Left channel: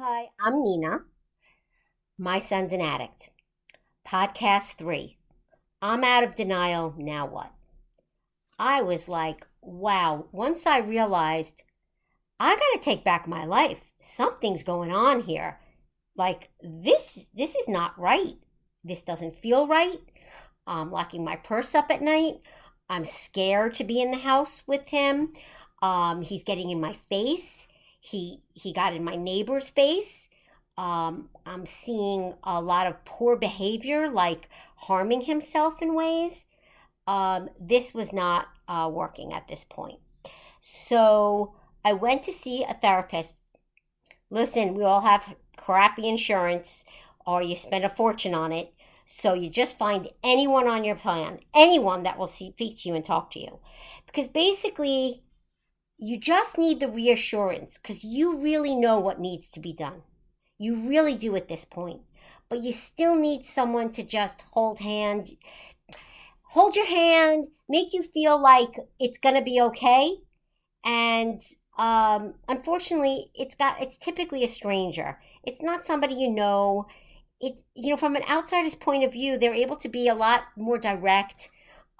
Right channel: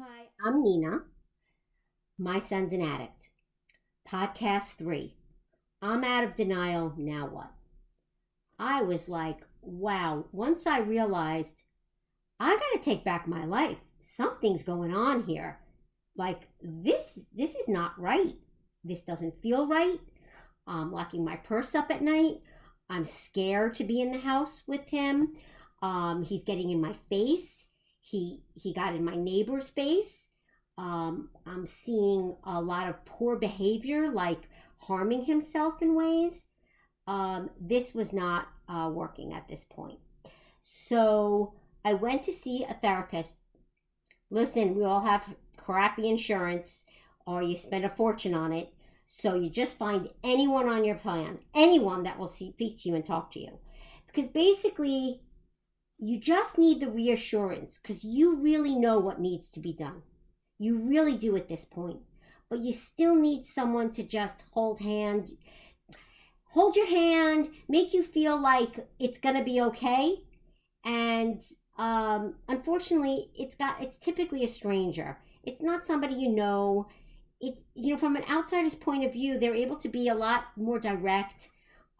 Hi, I'm Nina. My son's an addict. Podcast 3. I'm out of denial. Now what? I was like, wow. Once I realized I got to take back my life. Something's going on here. Like this is not right. This doesn't feel right. I'm locking my purse up at night. I'm scared to be in the house with him. He's getting in my face. He got in my neighbor's face. I'm seeing a lot of poor behavior, like harming himself in ways. This was not working at this point. So I went to see a therapist. Listen, we all have crappy insurance, or you spend a fortune on it. So you just find anyone on your plan, anyone that will speak to you and talk to you. Because basically, you just need the reassurance because you really know what needs to be done. You really do at this point. But you still need someone to just hold your hand, make you feel like it's going to be okay. And unfortunately, it's typically a stranger. It's not somebody you know. From an outsider's point of view, they're able to be a lot more direct,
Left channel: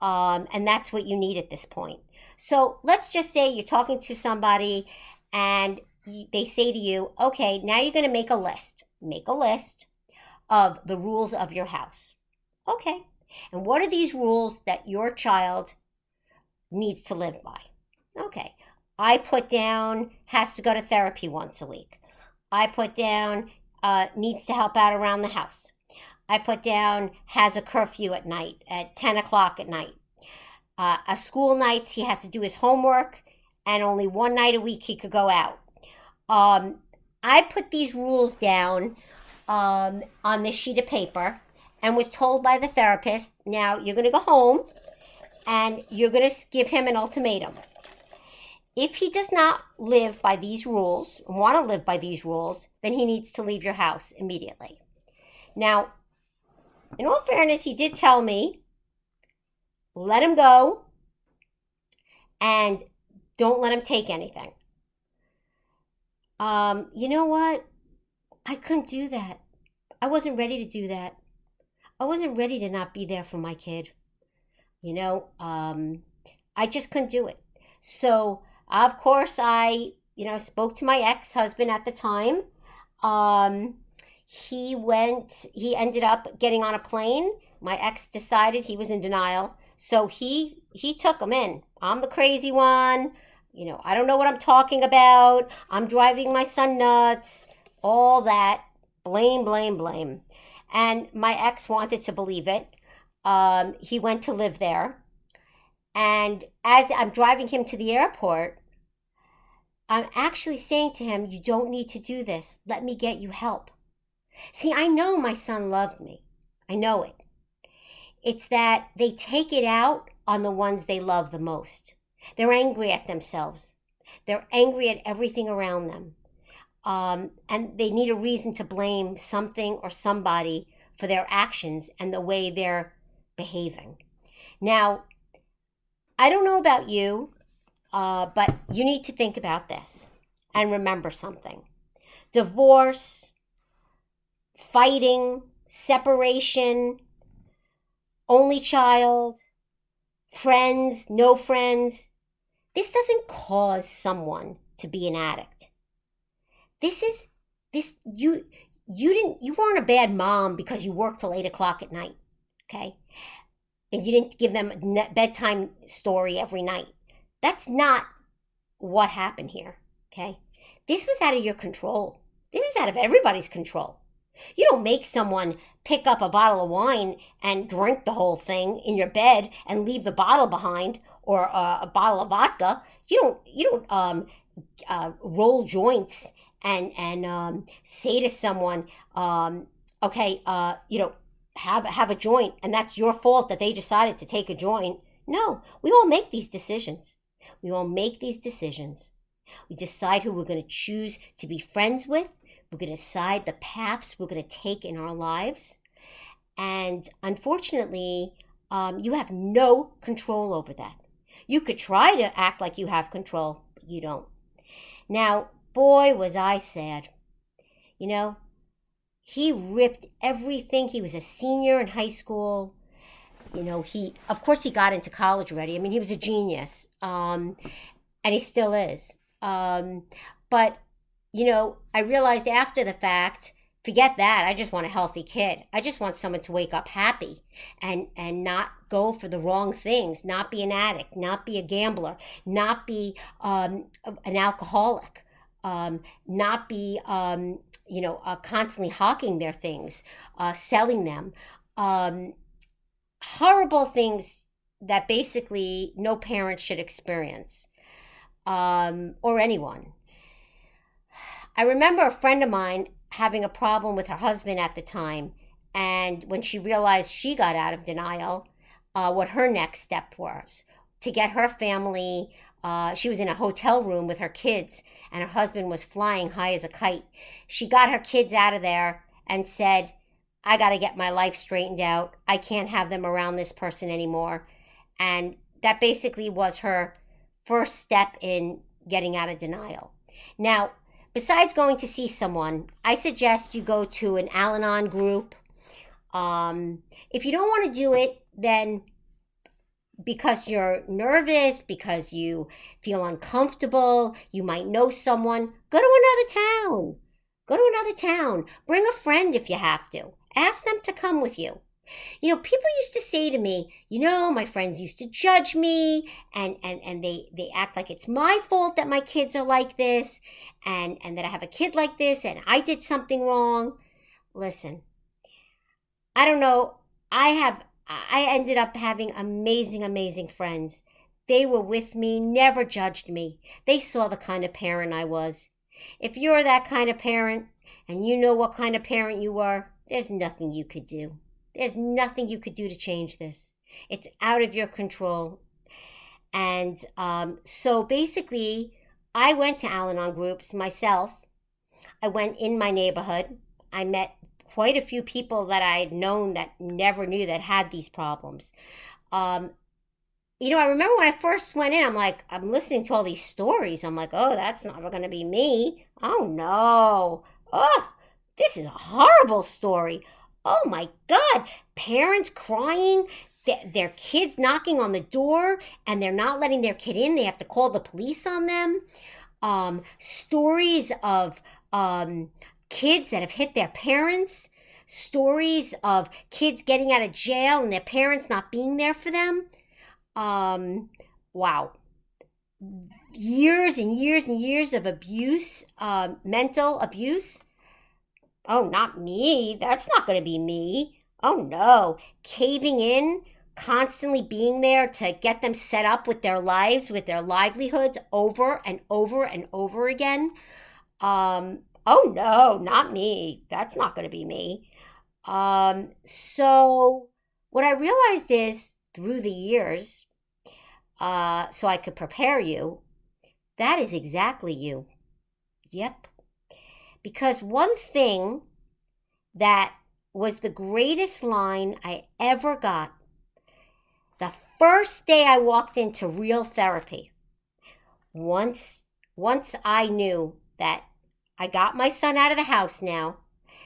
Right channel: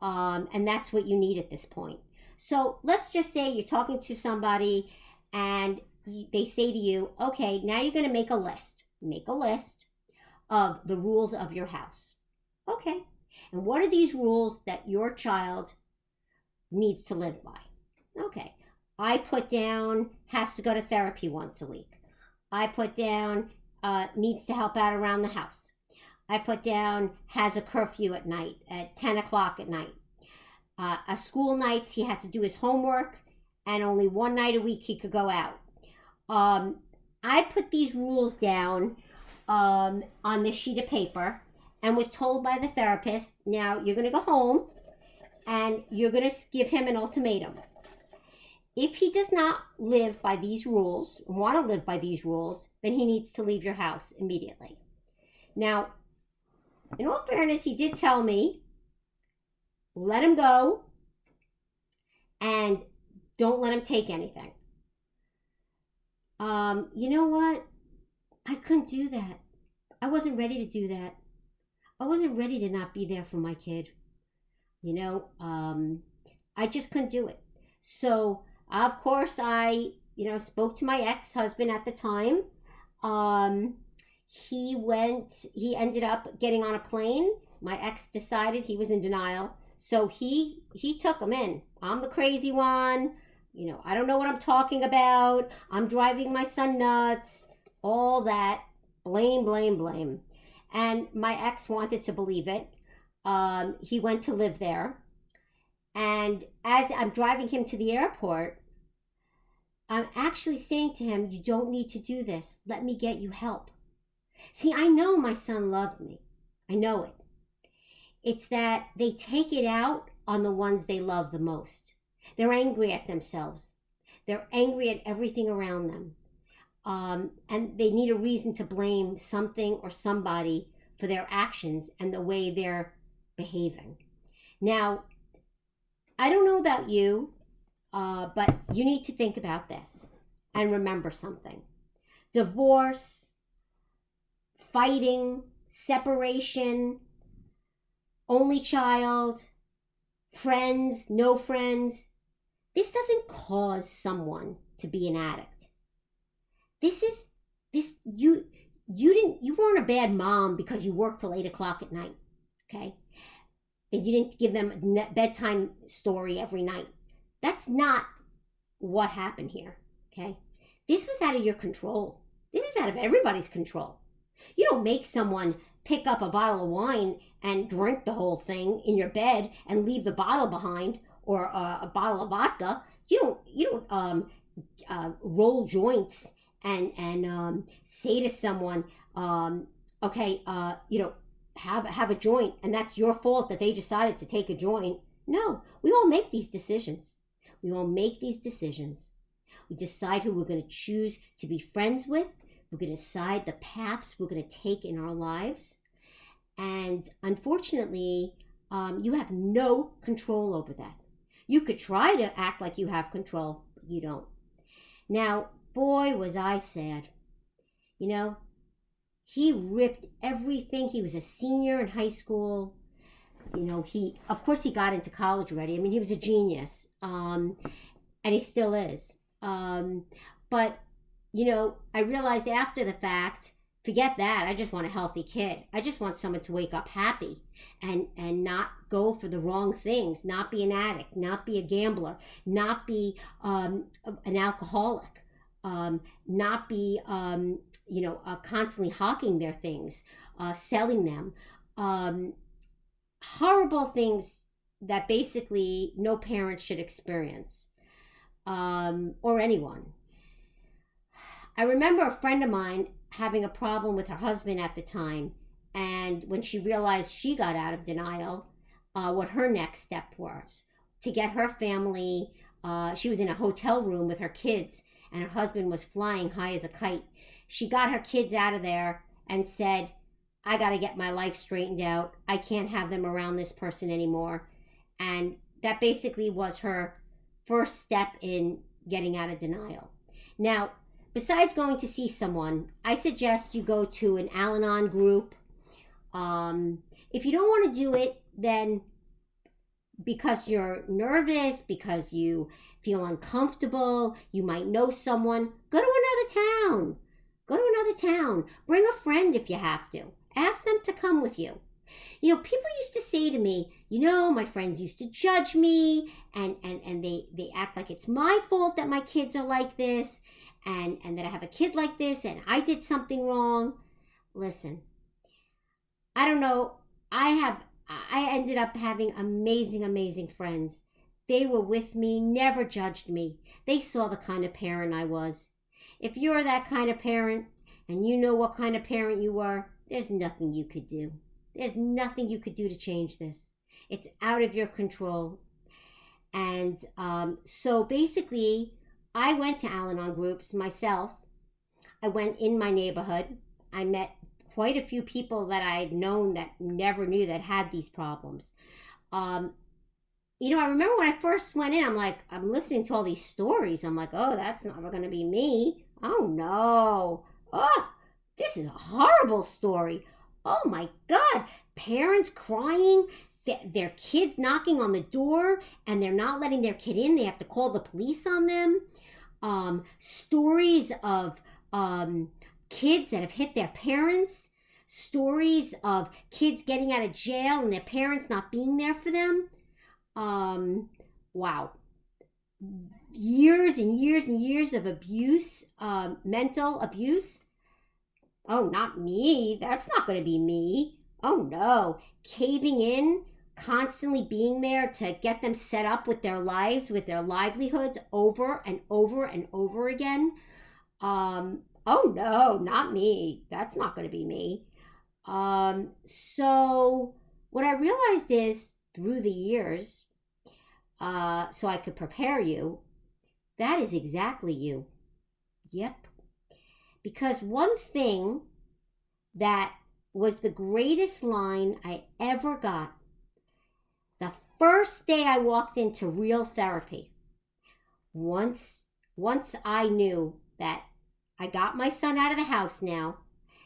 and that's what you need at this point. So let's just say you're talking to somebody, and they say to you, "Okay, now you're going to make a list. Make a list of the rules of your house." Okay, and what are these rules that your child needs to live by? Okay, I put down has to go to therapy once a week. I put down needs to help out around the house. I put down has a curfew at night at 10 o'clock at night. A school nights he has to do his homework, and only one night a week he could go out. Um, I put these rules down on this sheet of paper and was told by the therapist, now you're going to go home and you're going to give him an ultimatum. If he does not live by these rules, want to live by these rules, then he needs to leave your house immediately. Now, in all fairness, he did tell me, let him go and don't let him take anything. You know what? I couldn't do that. I wasn't ready to do that. I wasn't ready to not be there for my kid. You know, I just couldn't do it. So, of course, spoke to my ex husband at the time. Um, he ended up getting on a plane. My ex decided he was in denial. So he took him in. I'm the crazy one. I don't know what I'm talking about. I'm driving my son nuts. All that. Blame, blame, blame. And my ex wanted to believe it. He went to live there. And as I'm driving him to the airport, I'm actually saying to him, you don't need to do this. Let me get you help. See, I know my son loved me. I know it. It's that they take it out on the ones they love the most. They're angry at themselves. They're angry at everything around them. And they need a reason to blame something or somebody for their actions and the way they're behaving. Now, I don't know about you, but you need to think about this and remember something. Divorce, fighting, separation, only child, friends, no friends. This doesn't cause someone to be an addict. This is this you weren't a bad mom because you worked till 8 o'clock at night, okay? And you didn't give them a bedtime story every night. That's not what happened here, okay? This was out of your control. This is out of everybody's control. You don't make someone pick up a bottle of wine and drink the whole thing in your bed and leave the bottle behind, or a bottle of vodka. You don't roll joints and say to someone, okay, have a joint, and that's your fault that they decided to take a joint. No, we all make these decisions. We all make these decisions. We decide who we're going to choose to be friends with. We're going to decide the paths we're going to take in our lives. And unfortunately, you have no control over that. You could try to act like you have control, but you don't. Now, boy, was I sad. You know, he ripped everything. He was a senior in high school. He, of course, he got into college already. I mean, he was a genius, and he still is. But I realized after the fact, forget that. I just want a healthy kid. I just want someone to wake up happy and not go for the wrong things, not be an addict, not be a gambler, not be an alcoholic, not be constantly hawking their things, selling them. Um, Horrible things that basically no parent should experience, or anyone. I remember a friend of mine having a problem with her husband at the time, and when she realized she got out of denial, what her next step was to get her family. She was in a hotel room with her kids, and her husband was flying high as a kite. She got her kids out of there and said, I got to get my life straightened out. I can't have them around this person anymore. And that basically was her first step in getting out of denial. Now, besides going to see someone, I suggest you go to an Al Anon group. If you don't want to do it, then because you're nervous, because you feel uncomfortable, you might know someone, go to another town. Go to another town. Bring a friend if you have to. Ask them to come with you. People used to say to me, my friends used to judge me, and they act like it's my fault that my kids are like this, and that I have a kid like this, and I did something wrong. Listen, I don't know. I ended up having amazing, amazing friends. They were with me, never judged me. They saw the kind of parent I was. If you're that kind of parent, and you know what kind of parent you were, there's nothing you could do. There's nothing you could do to change this. It's out of your control. And so basically, I went to Al Anon groups myself. I went in my neighborhood. I met quite a few people that I'd known that never knew that had these problems. I remember when I first went in, I'm listening to all these stories. I'm like, oh, that's not going to be me. Oh, no. Oh, this is a horrible story. Oh, my God. Parents crying, their kids knocking on the door, and they're not letting their kid in. They have to call the police on them. Stories of kids that have hit their parents. Stories of kids getting out of jail and their parents not being there for them. Wow. Years and years and years of abuse, mental abuse. Oh, not me. That's not going to be me. Oh, no. Caving in, constantly being there to get them set up with their lives, with their livelihoods over and over and over again. Oh, no, not me. That's not going to be me. So what I realized is through the years, so I could prepare you, that is exactly you. Yep. Because one thing that was the greatest line I ever got, the first day I walked into real therapy, once I knew that I got my son out of the house now,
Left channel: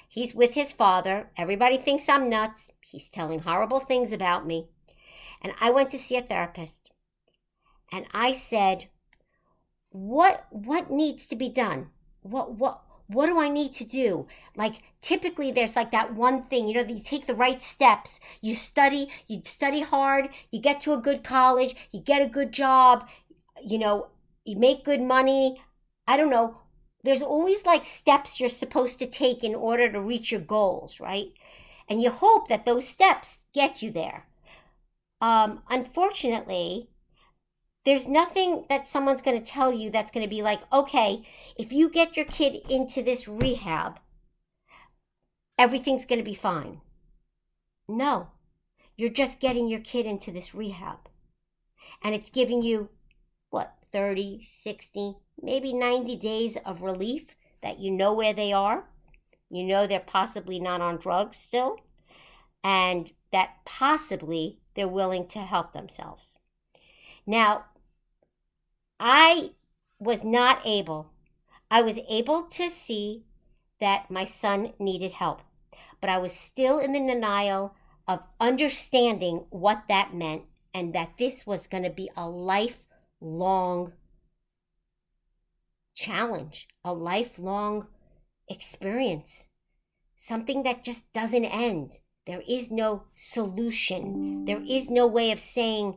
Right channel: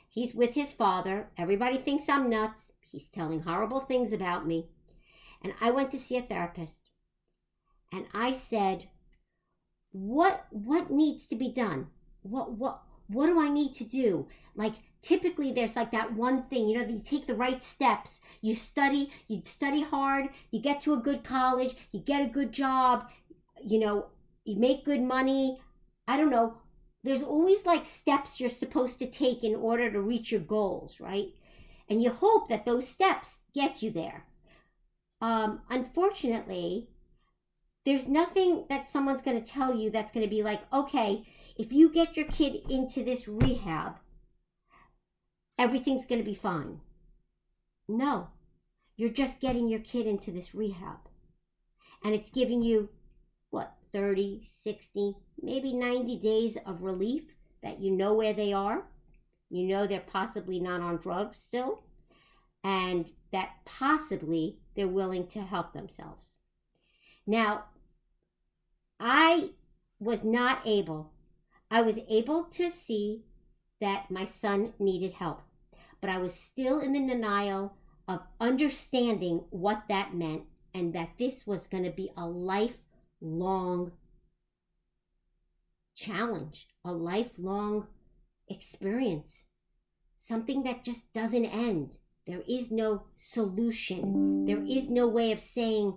he's with his father, everybody thinks I'm nuts, he's telling horrible things about me, and I went to see a therapist, and I said, what needs to be done? What do I need to do? Like, typically there's like that one thing, you take the right steps, you study hard, you get to a good college, you get a good job, you make good money. I don't know. There's always like steps you're supposed to take in order to reach your goals, right? And you hope that those steps get you there. Unfortunately, there's nothing that someone's going to tell you that's going to be like, okay, if you get your kid into this rehab, everything's going to be fine. No, you're just getting your kid into this rehab. And it's giving you, 30, 60, maybe 90 days of relief that you know where they are. You know they're possibly not on drugs still. And that possibly they're willing to help themselves. Now, I was able to see that my son needed help, but I was still in the denial of understanding what that meant and that this was going to be a lifelong challenge, a lifelong experience, something that just doesn't end. There is no solution. There is no way of saying,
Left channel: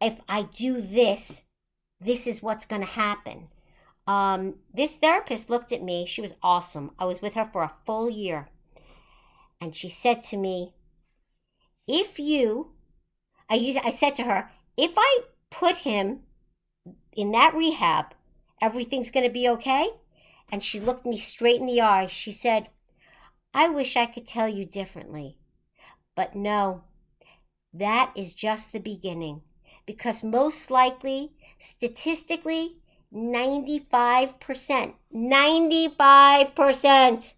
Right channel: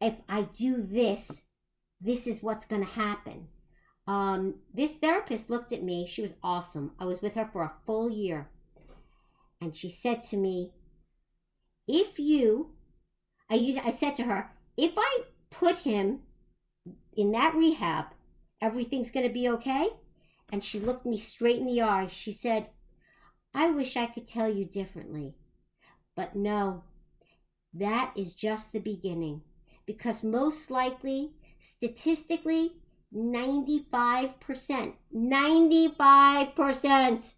if I do this, this is what's going to happen. This therapist looked at me. She was awesome. I was with her for a full year. And she said to me, I said to her, if I put him in that rehab, everything's going to be okay? And she looked me straight in the eye. She said, I wish I could tell you differently. But no, that is just the beginning. Because most likely, statistically, 95%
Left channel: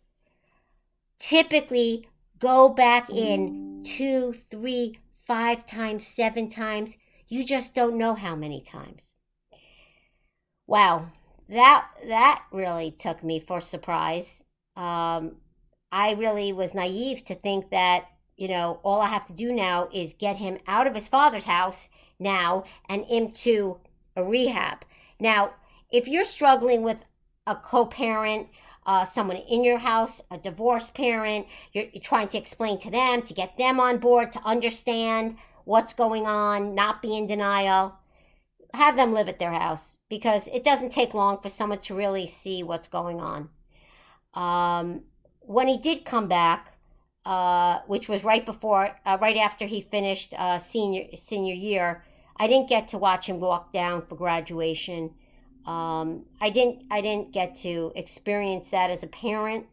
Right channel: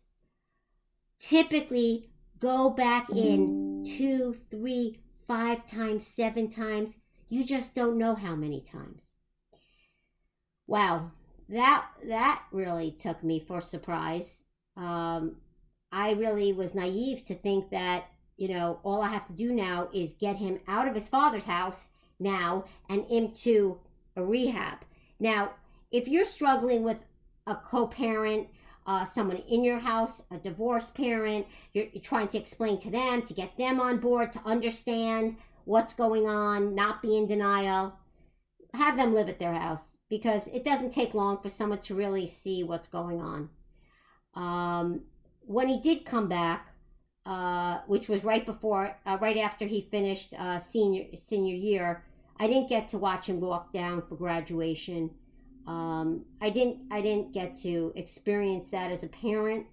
typically go back in 2, 3, 5 times, 7 times. You just don't know how many times. Wow, that really took me for surprise. I really was naive to think that, all I have to do now is get him out of his father's house now and into a rehab. Now, if you're struggling with a co-parent, someone in your house, a divorced parent, you're trying to explain to them, to get them on board, to understand what's going on, not be in denial, have them live at their house, because it doesn't take long for someone to really see what's going on. When he did come back, which was right after he finished senior year, I didn't get to watch him walk down for graduation. I didn't get to experience that as a parent.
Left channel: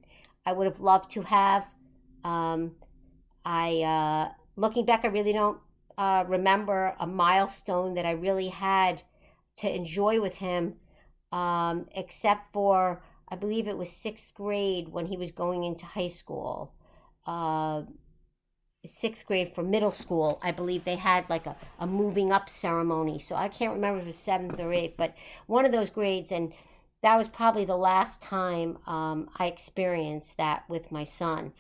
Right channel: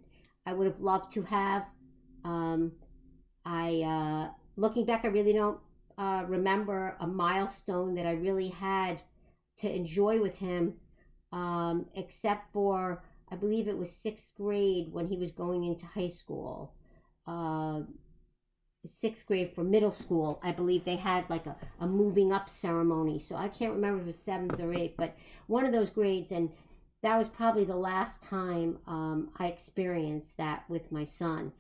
I would have loved to have. Looking back, I really don't remember a milestone that I really had to enjoy with him, except for, I believe it was 6th grade when he was going into high school. 6th grade for middle school, I believe they had like a moving up ceremony. So I can't remember if it was 7th or 8th, but one of those grades. And that was probably the last time I experienced that with my son.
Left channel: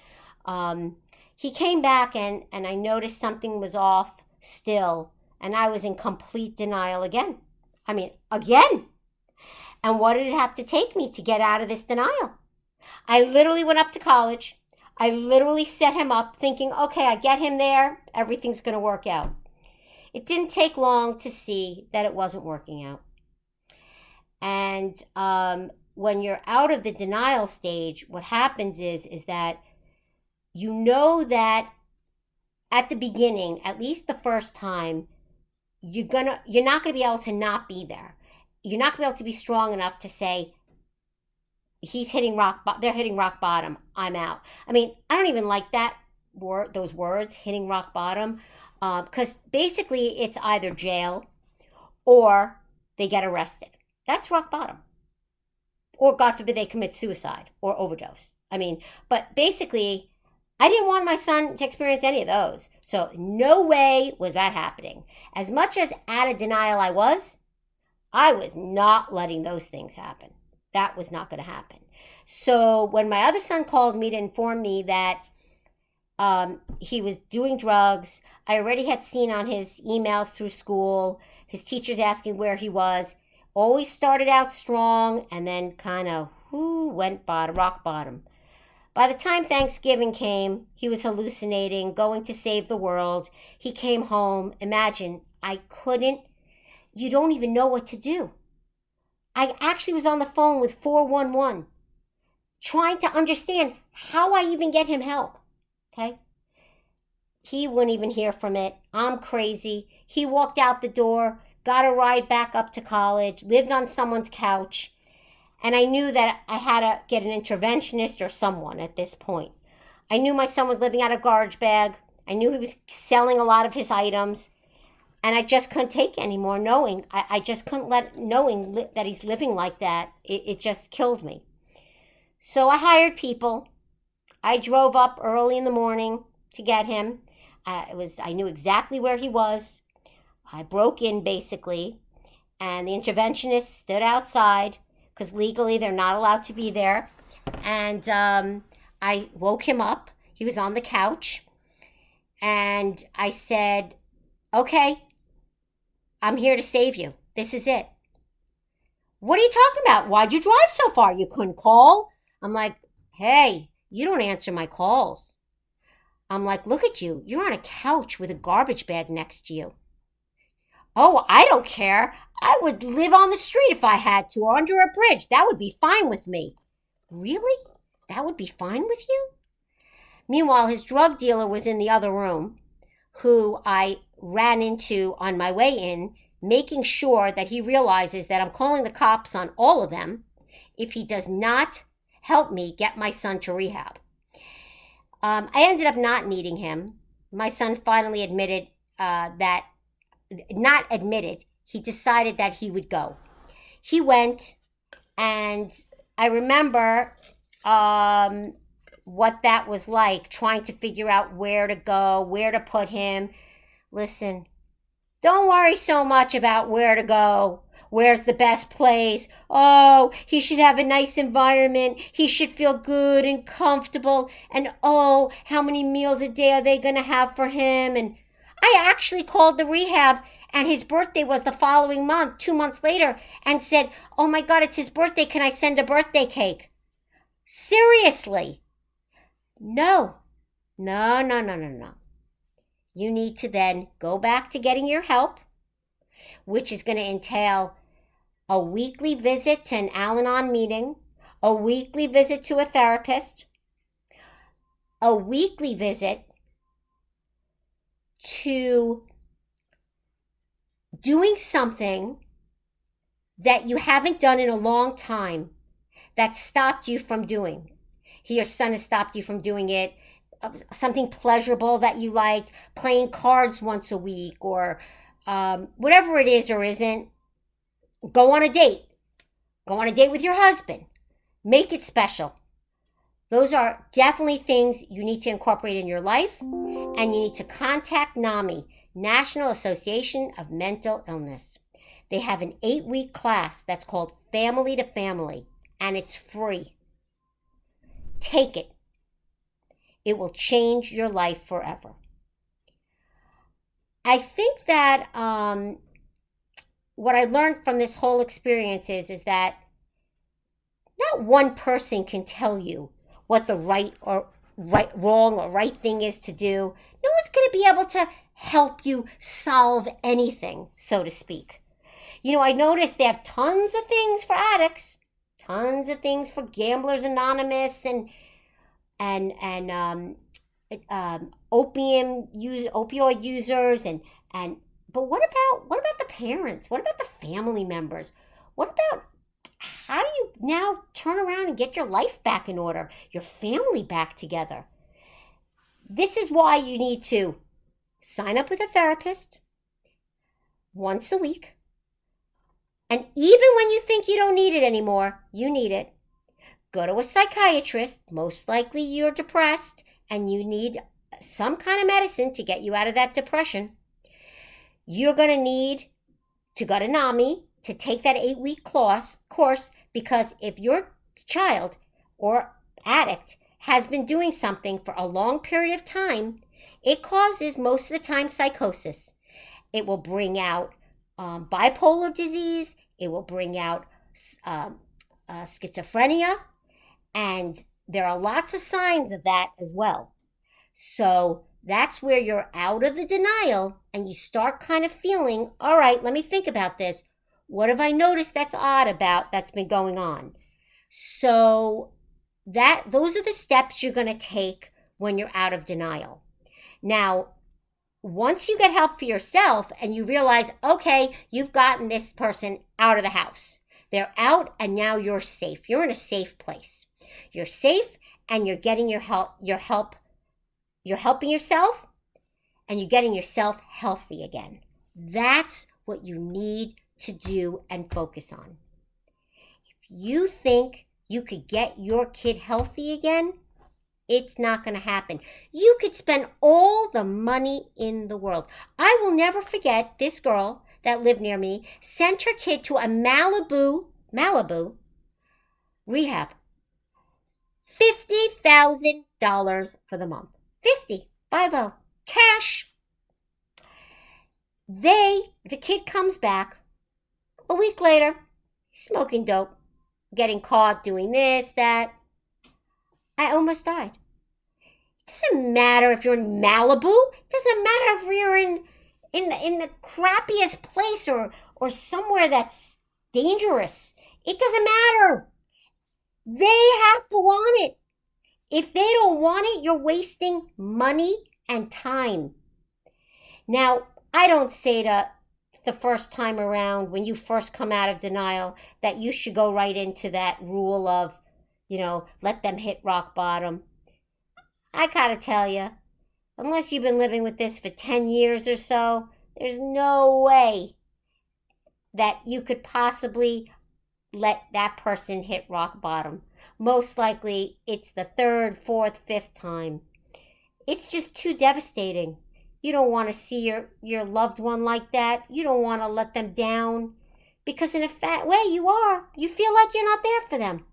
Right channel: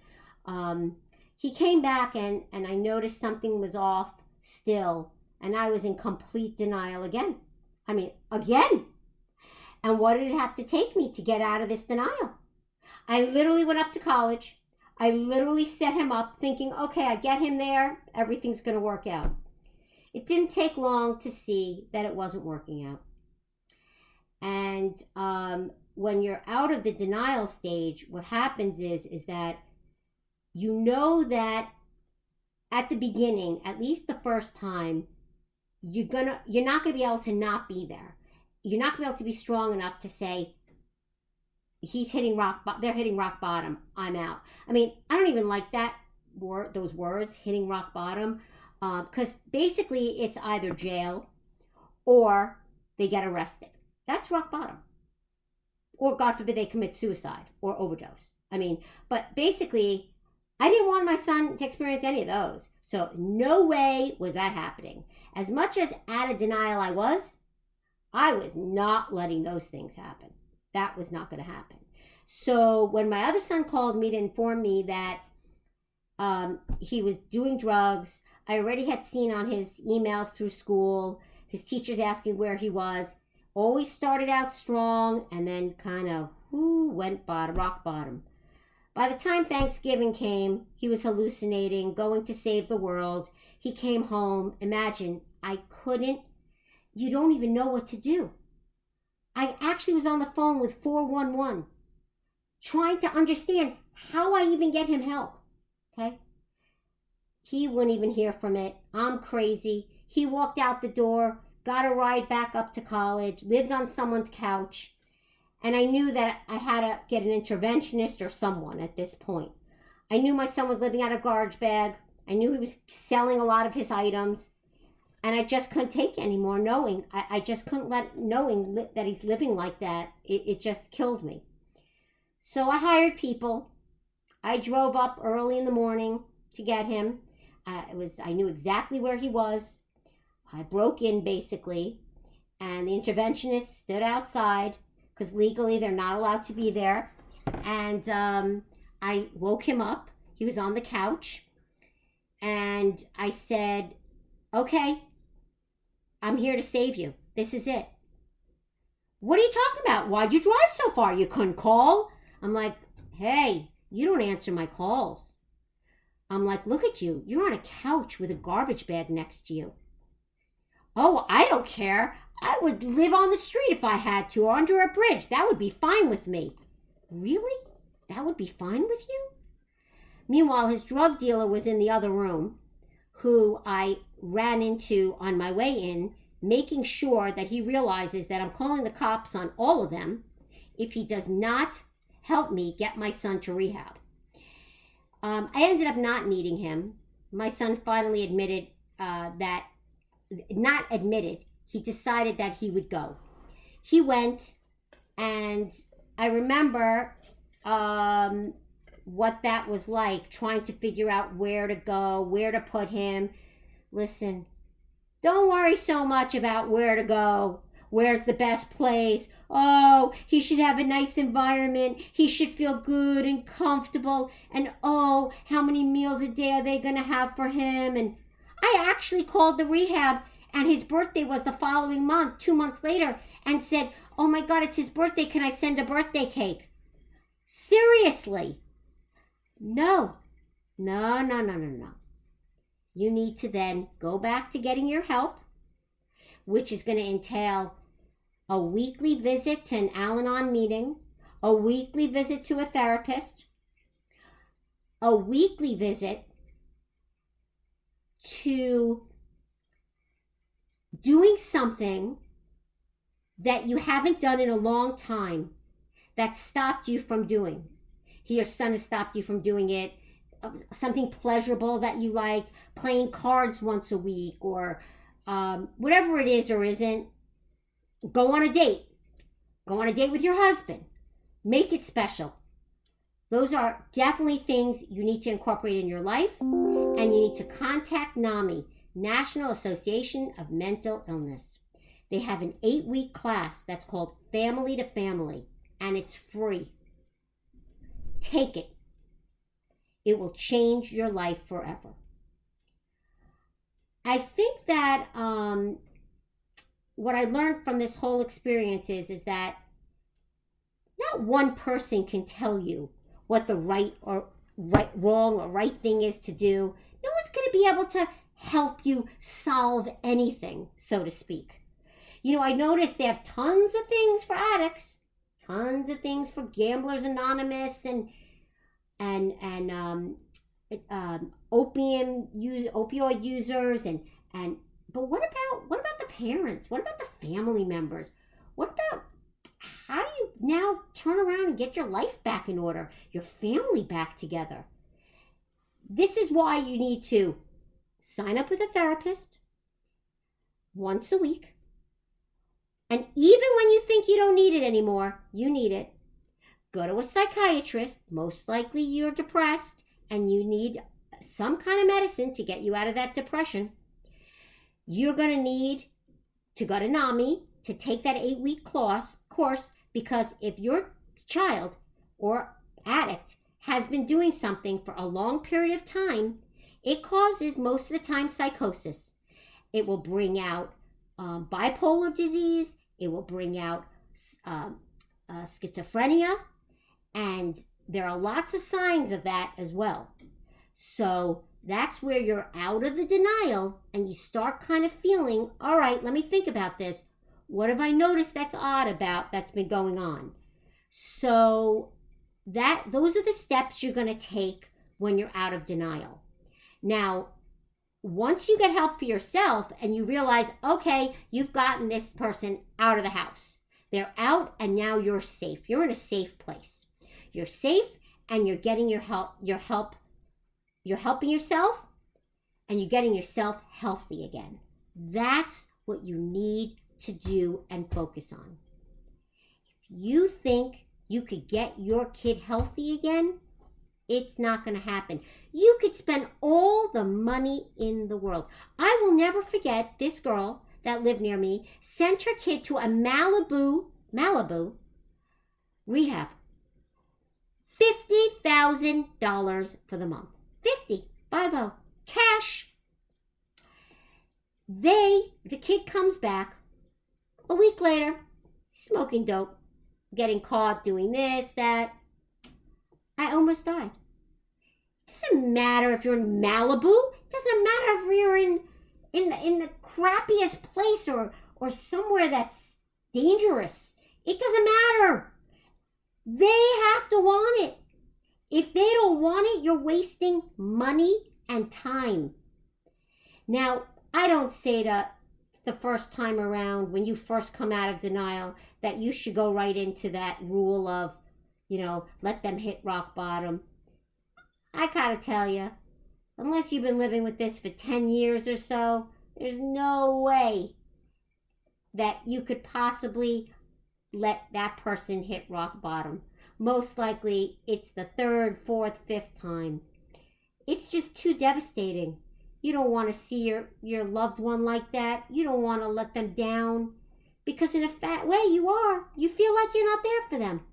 He came back and I noticed something was off still. And I was in complete denial again. Again. And what did it have to take me to get out of this denial? I literally went up to college. I literally set him up thinking, okay, I get him there, everything's going to work out. It didn't take long to see that it wasn't working out. And when you're out of the denial stage, what happens is that you know that at the beginning, at least the first time, you're not going to be able to not be there. You're not going to be able to be strong enough to say, they're hitting rock bottom, I'm out. I don't even like those words, hitting rock bottom, because basically it's either jail or they get arrested. That's rock bottom. Or God forbid they commit suicide or overdose. But basically, I didn't want my son to experience any of those. So no way was that happening. As much as out of denial I was not letting those things happen. That was not going to happen. So when my other son called me to inform me that he was doing drugs, I already had seen on his emails through school, his teachers asking where he was. Always started out strong and then kind of went rock bottom. By the time Thanksgiving came, he was hallucinating, going to save the world. He came home. Imagine, you don't even know what to do. I actually was on the phone with 411 trying to understand how I even get him help, okay? He wouldn't even hear from it. I'm crazy. He walked out the door, got a ride back up to college, lived on someone's couch, and I knew that I had to get an interventionist or someone at this point. I knew my son was living out of a garbage bag. I knew he was selling a lot of his items. And I just couldn't take it anymore, knowing that he's living like that. It just killed me. So I hired people. I drove up early in the morning to get him. I knew exactly where he was. I broke in basically, and the interventionist stood outside because legally they're not allowed to be there. And I woke him up. He was on the couch. And I said, okay, I'm here to save you. This is it. What are you talking about? Why'd you drive so far? You couldn't call? I'm like, hey, you don't answer my calls. I'm like, look at you. You're on a couch with a garbage bag next to you. Oh, I don't care. I would live on the street if I had to, or under a bridge. That would be fine with me. Really? That would be fine with you? Meanwhile, his drug dealer was in the other room, who I ran into on my way in, making sure that he realizes that I'm calling the cops on all of them if he does not help me get my son to rehab. I ended up not needing him. My son finally admitted he decided that he would go. He went, and I remember what that was like, trying to figure out where to go, where to put him. Listen, don't worry so much about where to go. Where's the best place? Oh, he should have a nice environment. He should feel good and comfortable. And oh, how many meals a day are they going to have for him? And I actually called the rehab, and his birthday was the following month, 2 months later, and said, oh my God, it's his birthday. Can I send a birthday cake? Seriously. No. You need to then go back to getting your help, which is going to entail a weekly visit to an Al-Anon meeting, a weekly visit to a therapist, a weekly visit to doing something that you haven't done in a long time that stopped you from doing. Your son has stopped you from doing it. Something pleasurable that you liked, playing cards once a week, or whatever it is or isn't. Go on a date. Go on a date with your husband. Make it special. Those are definitely things you need to incorporate in your life, and you need to contact NAMI, National Association of Mental Illness. They have an 8-week class that's called Family to Family, and it's free. Take it. It will change your life forever. I think that what I learned from this whole experience is that not one person can tell you what the wrong or right thing is to do. No one's going to be able to help you solve anything, so to speak. You know, I noticed they have tons of things for addicts, tons of things for Gamblers Anonymous and opioid users, but what about the parents? What about the family members? What about, how do you now turn around and get your life back in order, your family back together? This is why you need to sign up with a therapist once a week. And even when you think you don't need it anymore, you need it. Go to a psychiatrist. Most likely you're depressed and you need some kind of medicine to get you out of that depression. You're going to need to go to NAMI to take that 8-week course, because if your child or addict has been doing something for a long period of time, it causes most of the time psychosis. It will bring out bipolar disease. It will bring out schizophrenia. And there are lots of signs of that as well. So that's where you're out of the denial and you start kind of feeling, all right, let me think about this. What have I noticed that's odd that's been going on? So those are the steps you're going to take when you're out of denial. Now, once you get help for yourself and you realize, okay, you've gotten this person out of the house. They're out and now you're safe. You're in a safe place. You're safe and you're getting your help. You're helping yourself and you're getting yourself healthy again. That's what you need to do and focus on. If you think you could get your kid healthy again, it's not going to happen. You could spend all the money in the world. I will never forget this girl that lived near me sent her kid to a Malibu rehab. $50,000 for the month. 50, 50, cash. The kid comes back a week later, smoking dope, getting caught doing this, that. I almost died. It doesn't matter if you're in Malibu. It doesn't matter if you're in the crappiest place or somewhere that's dangerous. It doesn't matter. They have to want it. If they don't want it, you're wasting money and time. Now, I don't say that the first time around when you first come out of denial that you should go right into that rule of, let them hit rock bottom. I gotta tell you, unless you've been living with this for 10 years or so, there's no way that you could possibly let that person hit rock bottom. Most likely, it's the third, fourth, fifth time. It's just too devastating. You don't want to see your loved one like that. You don't want to let them down. Because in a fat way, you feel like you're not there for them.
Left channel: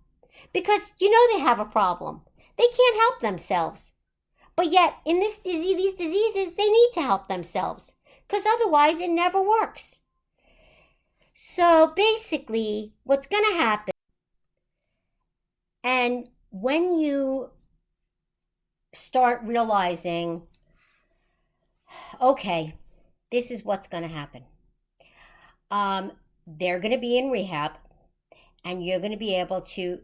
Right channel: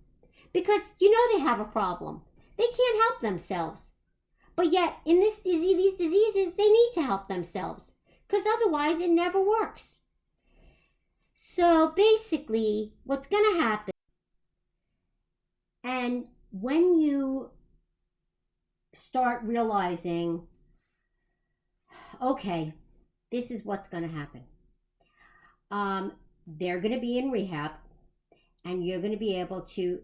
Because they have a problem. They can't help themselves. But yet, in these diseases, they need to help themselves. Because otherwise, it never works. So basically, what's going to happen, and when you start realizing, okay, this is what's going to happen. They're going to be in rehab, and you're going to be able to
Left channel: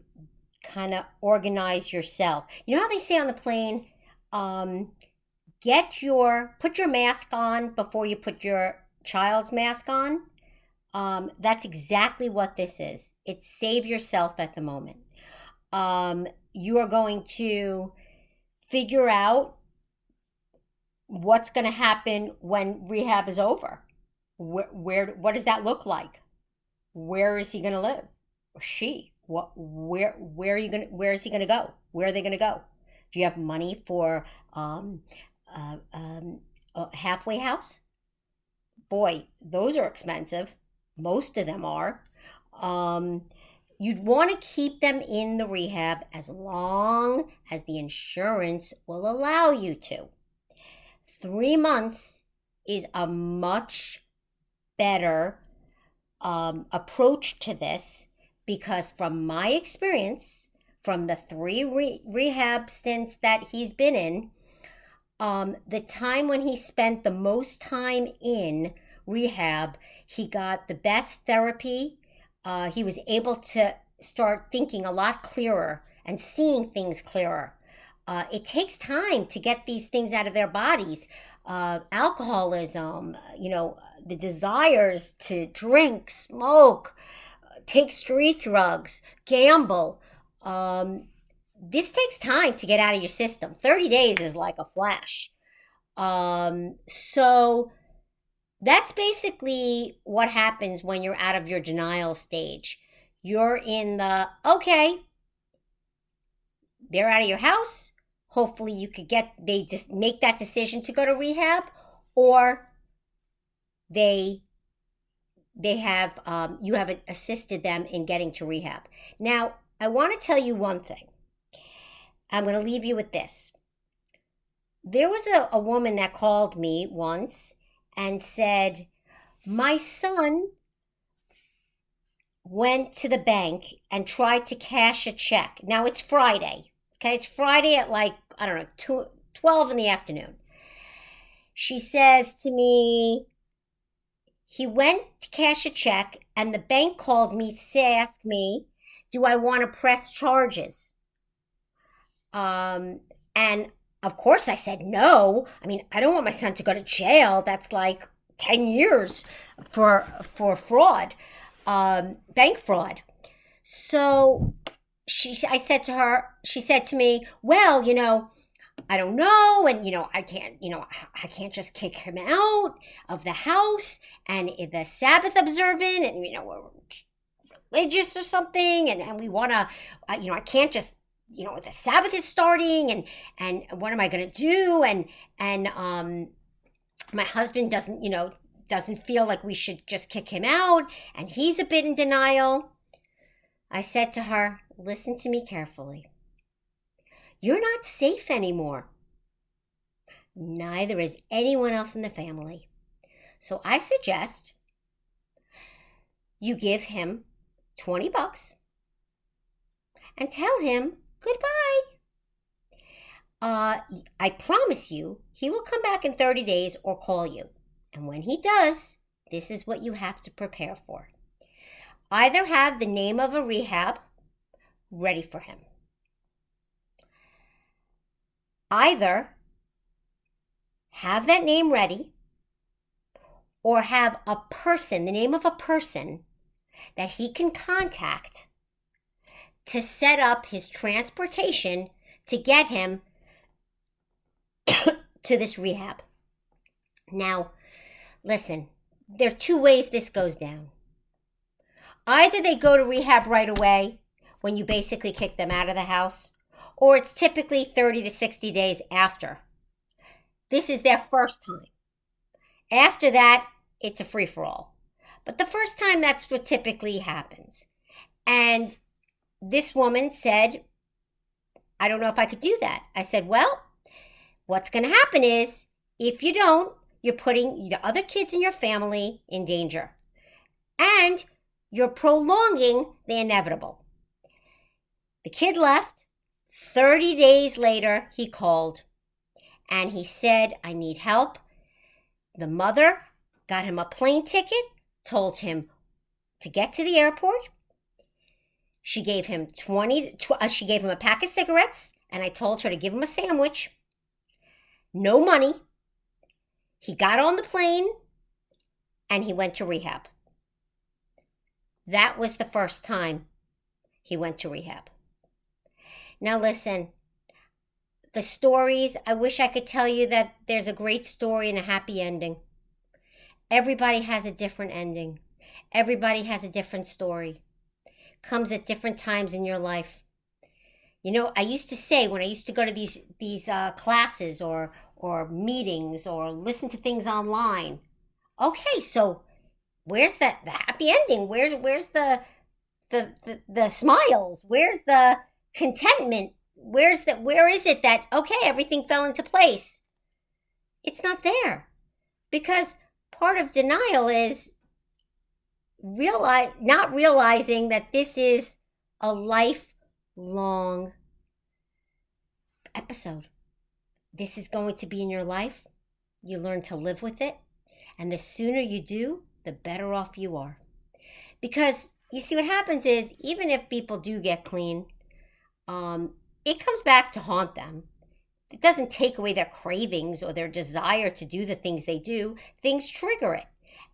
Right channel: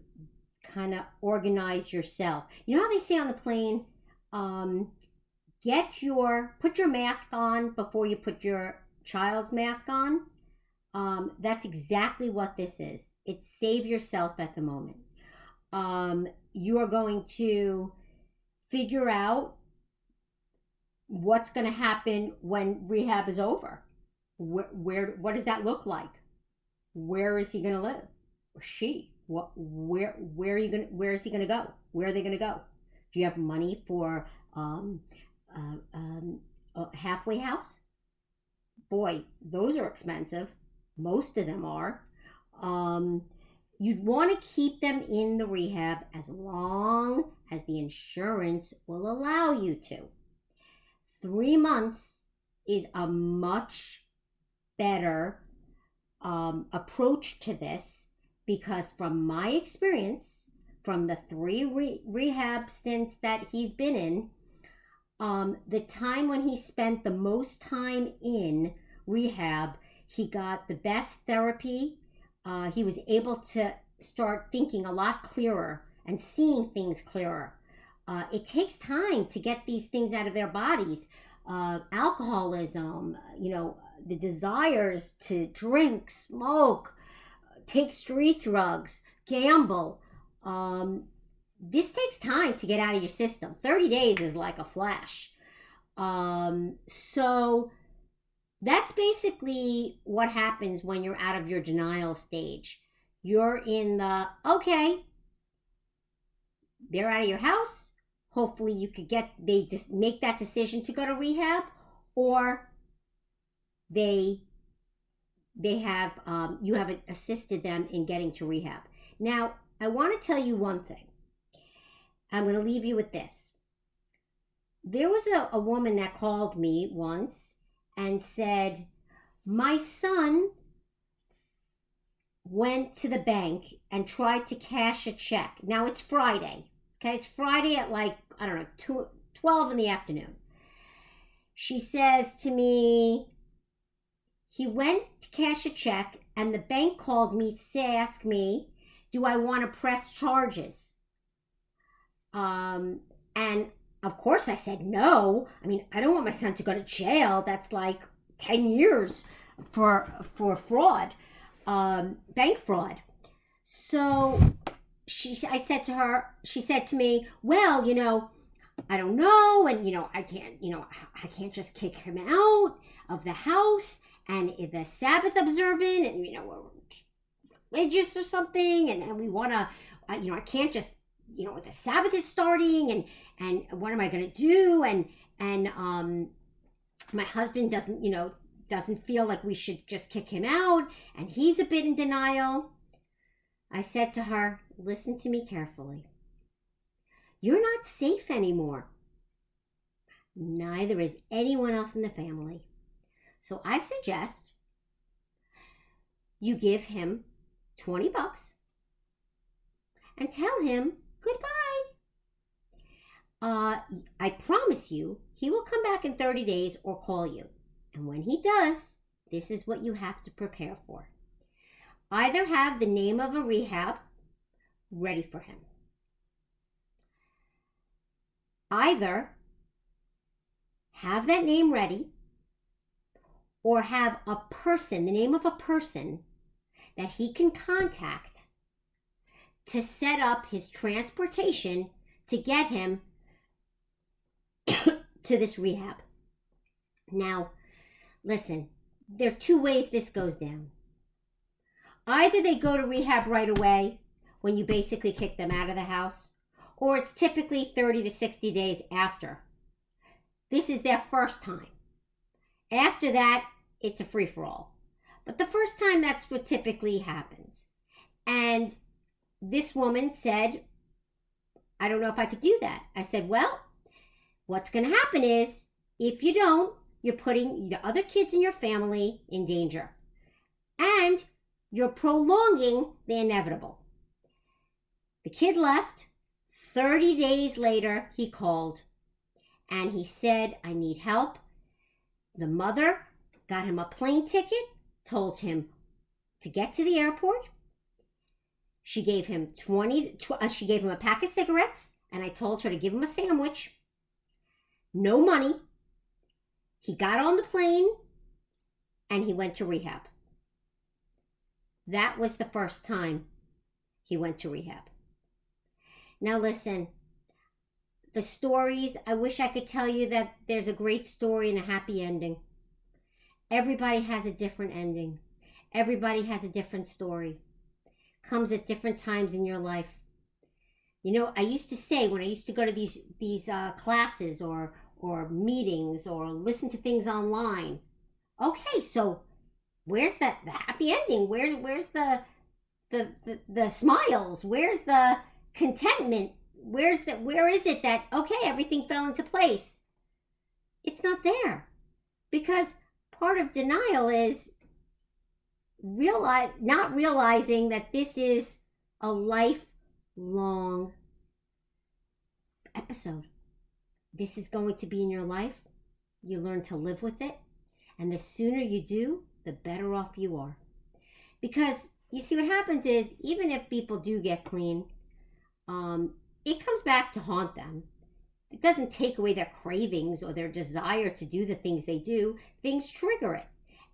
kind of organize yourself. You know how they say on the plane, put your mask on before you put your child's mask on? That's exactly what this is. It's save yourself at the moment. You are going to figure out what's going to happen when rehab is over. What does that look like? Where is he going to live? Or she? Where is he going to go? Where are they going to go? Do you have money for a halfway house? Boy, those are expensive. Most of them are. You'd want to keep them in the rehab as long as the insurance will allow you to. 3 months is a much better approach to this, because from my experience, from the 3 rehab stints that he's been in, the time when he spent the most time in rehab, he got the best therapy. He was able to start thinking a lot clearer and seeing things clearer. It takes time to get these things out of their bodies. Alcoholism, the desires to drink, smoke, take street drugs, gamble. This takes time to get out of your system. 30 days is like a flash. So that's basically what happens when you're out of your denial stage. You're in okay, they're out of your house. Hopefully they just make that decision to go to rehab, or they have, you have assisted them in getting to rehab. Now, I want to tell you one thing. I'm going to leave you with this. There was a woman that called me once and said, my son went to the bank and tried to cash a check. Now it's Friday. Okay, it's Friday at 12 in the afternoon. She says to me, he went to cash a check and the bank called me to ask me, do I want to press charges? And of course I said no. I mean, I don't want my son to go to jail. That's like 10 years for fraud, bank fraud. So she said to me, well, I don't know, and I can't just kick him out of the house, and the Sabbath observant, and we're religious or something, and we want to, I can't just, the Sabbath is starting, and what am I going to do? And my husband doesn't feel like we should just kick him out, and he's a bit in denial. I said to her, listen to me carefully. You're not safe anymore. Neither is anyone else in the family. So I suggest you give him $20 and tell him goodbye. I promise you, he will come back in 30 days or call you. And when he does, this is what you have to prepare for. Either have the name of a rehab ready for him. Either have that name ready or have a person, the name of a person that he can contact to set up his transportation to get him to this rehab. Now, listen, there are two ways this goes down. Either they go to rehab right away when you basically kick them out of the house, or it's typically 30 to 60 days after. This is their first time. After that, it's a free-for-all. But the first time, that's what typically happens. And this woman said, I don't know if I could do that. I said, well, what's going to happen is, if you don't, you're putting the other kids in your family in danger. And you're prolonging the inevitable. The kid left. 30 days later, he called. And he said, I need help. The mother got him a plane ticket, told him to get to the airport. She gave him a pack of cigarettes, and I told her to give him a sandwich. No money. He got on the plane, and he went to rehab. That was the first time he went to rehab. Now listen, the stories, I wish I could tell you that there's a great story and a happy ending. Everybody has a different ending. Everybody has a different story. Comes at different times in your life. You know, I used to say when I used to go to these classes or meetings or listen to things online, okay, so where's the happy ending? Where's the smiles? Where's the contentment? Where is it that, okay, everything fell into place? It's not there. Because part of denial is not realizing that this is a lifelong episode. This is going to be in your life. You learn to live with it. And the sooner you do, the better off you are. Because you see, what happens is, even if people do get clean, it comes back to haunt them. It doesn't take away their cravings or their desire to do the things they do. Things trigger it.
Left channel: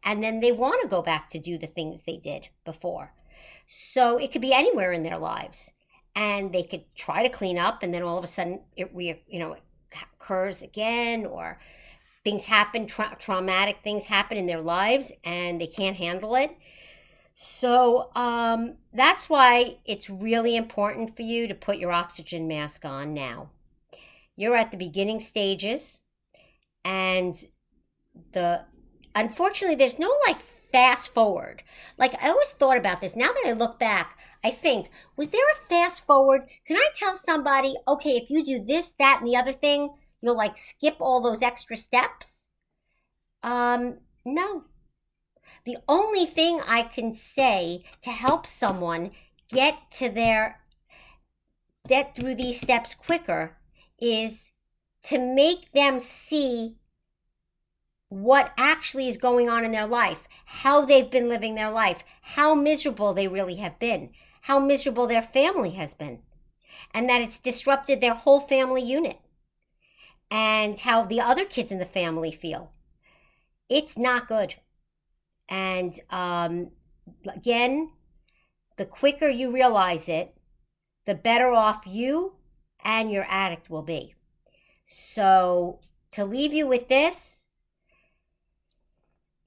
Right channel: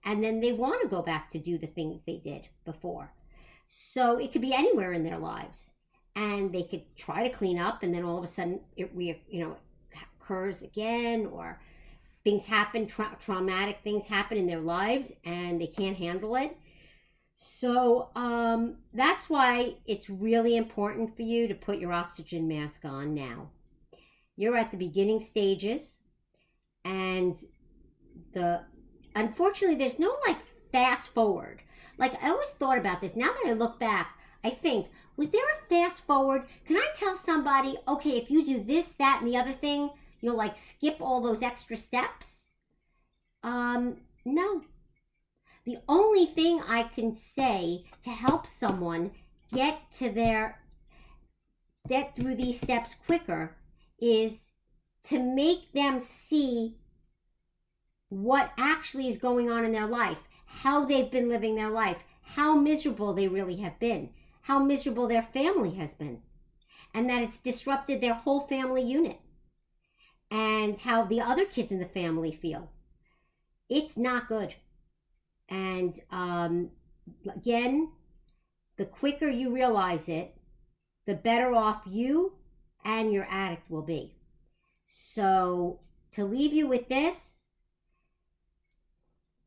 And then they want to go back to do the things they did before. So it could be anywhere in their lives. And they could try to clean up, and then all of a sudden it occurs again, or things happen, traumatic things happen in their lives, and they can't handle it. So that's why it's really important for you to put your oxygen mask on now. You're at the beginning stages, and unfortunately, there's no fast forward. I always thought about this. Now that I look back, I think, was there a fast forward? Can I tell somebody, okay, if you do this, that, and the other thing, you'll skip all those extra steps? No. The only thing I can say to help someone get through these steps quicker is to make them see what actually is going on in their life, how they've been living their life, how miserable they really have been, how miserable their family has been, and that it's disrupted their whole family unit, and how the other kids in the family feel. It's not good. And again, the quicker you realize it, the better off you and your addict will be. So to leave you with this,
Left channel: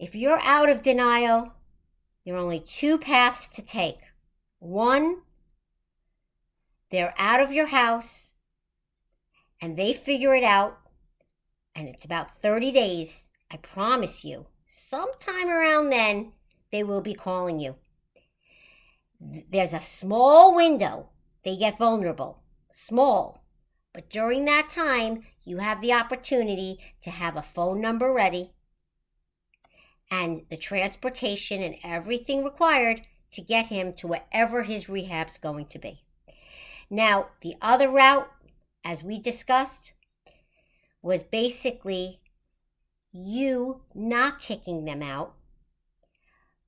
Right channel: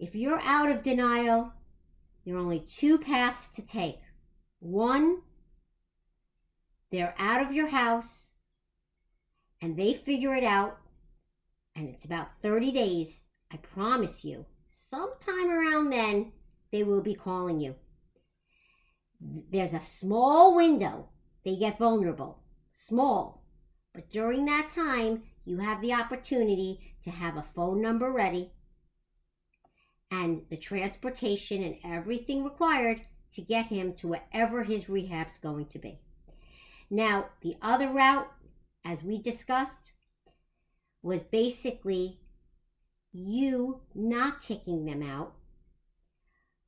if you're out of denial, there are only two paths to take. One, they're out of your house and they figure it out, and it's about 30 days. I promise you, sometime around then, they will be calling you. There's a small window. They get vulnerable. Small. But during that time, you have the opportunity to have a phone number ready and the transportation and everything required to get him to wherever his rehab's going to be. Now, the other route, as we discussed, was basically you not kicking them out,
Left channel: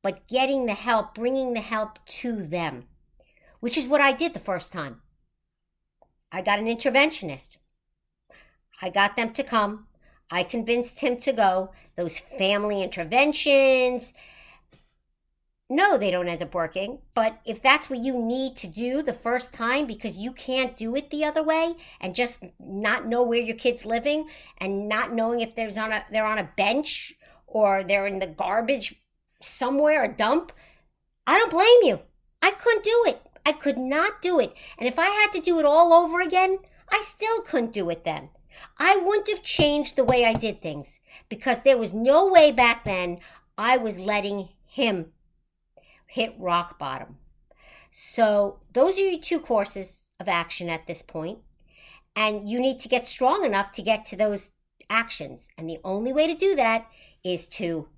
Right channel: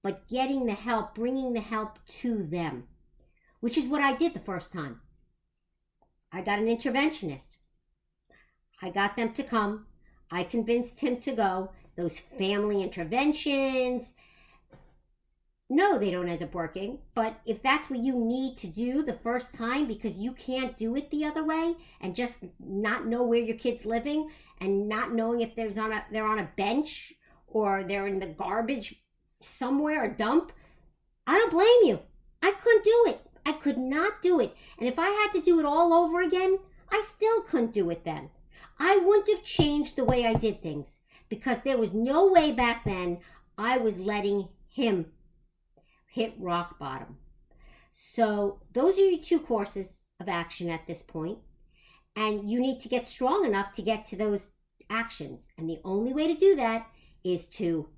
but getting the help, bringing the help to them, which is what I did the first time. I got an interventionist. I got them to come. I convinced him to go. Those family interventions, no, they don't end up working. But if that's what you need to do the first time because you can't do it the other way and just not know where your kid's living and not knowing if they're on a bench or they're in the garbage somewhere, a dump, I don't blame you. I couldn't do it. I could not do it. And if I had to do it all over again, I still couldn't do it then. I wouldn't have changed the way I did things because there was no way back then I was letting him hit rock bottom. So those are your two courses of action at this point. And you need to get strong enough to get to those actions. And the only way to do that is to,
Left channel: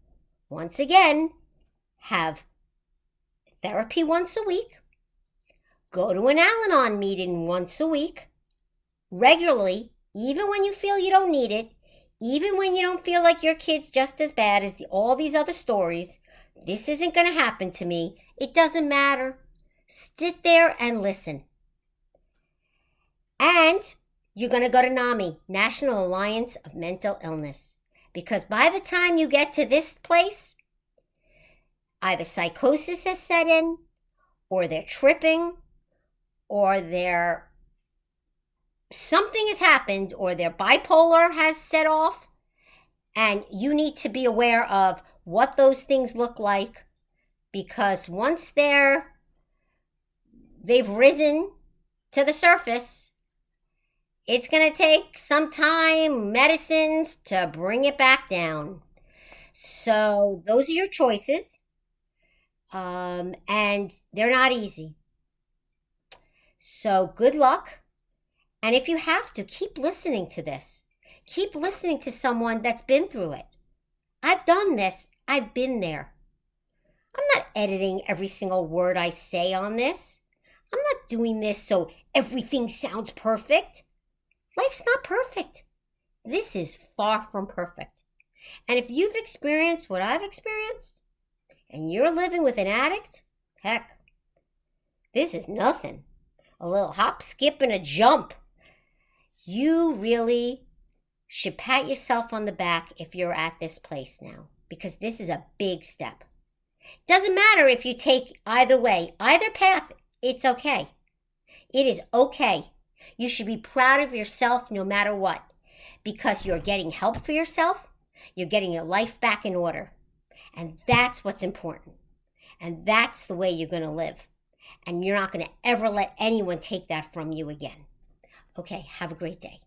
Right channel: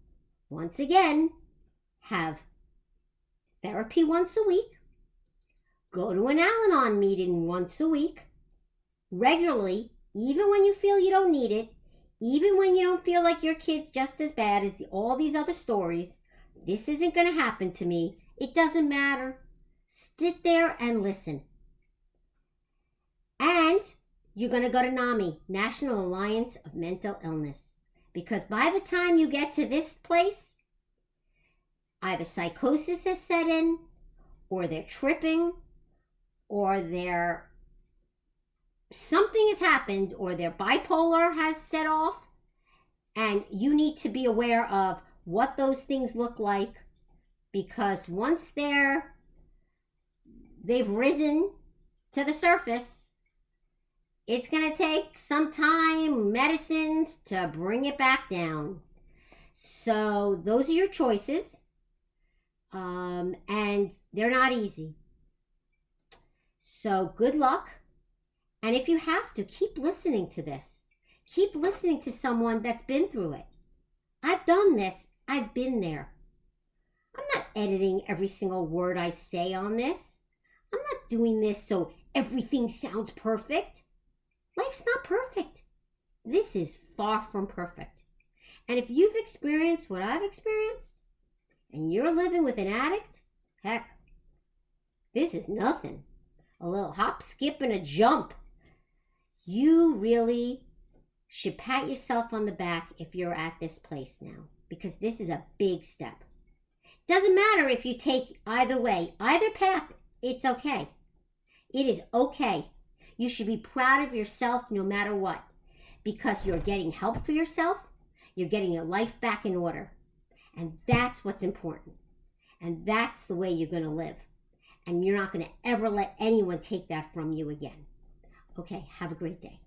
once again, have therapy once a week, go to an Al-Anon meeting once a week, regularly, even when you feel you don't need it, even when you don't feel like your kid's just as bad as all these other stories. This isn't going to happen to me. It doesn't matter. Sit there and listen. And you're going to go to NAMI, National Alliance of Mental Illness. Because by the time you get to this place, either psychosis has set in, or they're tripping, or something has happened, or their bipolar has set off, and you need to be aware of what those things look like, because once they've risen to the surface, it's going to take some time, medicines to bring it back down. So those are your choices, and they're not easy. So good luck. And if you have to, keep listening to this. Keep listening to someone that's been through it. I've done this. I've been there. I'm not editing every single word I say on this. I'm not doing this so everything sounds perfect. Life's not perfect. This is far from perfect. And if you've experienced what I've experienced, and you're living with an addict, heck, this is nothing. A little hop, skip, and a jump. You really should pat yourself on the back if you're at this place now, because this is a big step. Doesn't matter if you take either way, either path, it's okay. It is okay. You should be proud of yourself no matter what, because you're getting help for yourself, you're getting your life back in order. And that's what's important. And that's the way you're going to live. And you're not going to ever let anyone take that from you again. Okay, have a great day.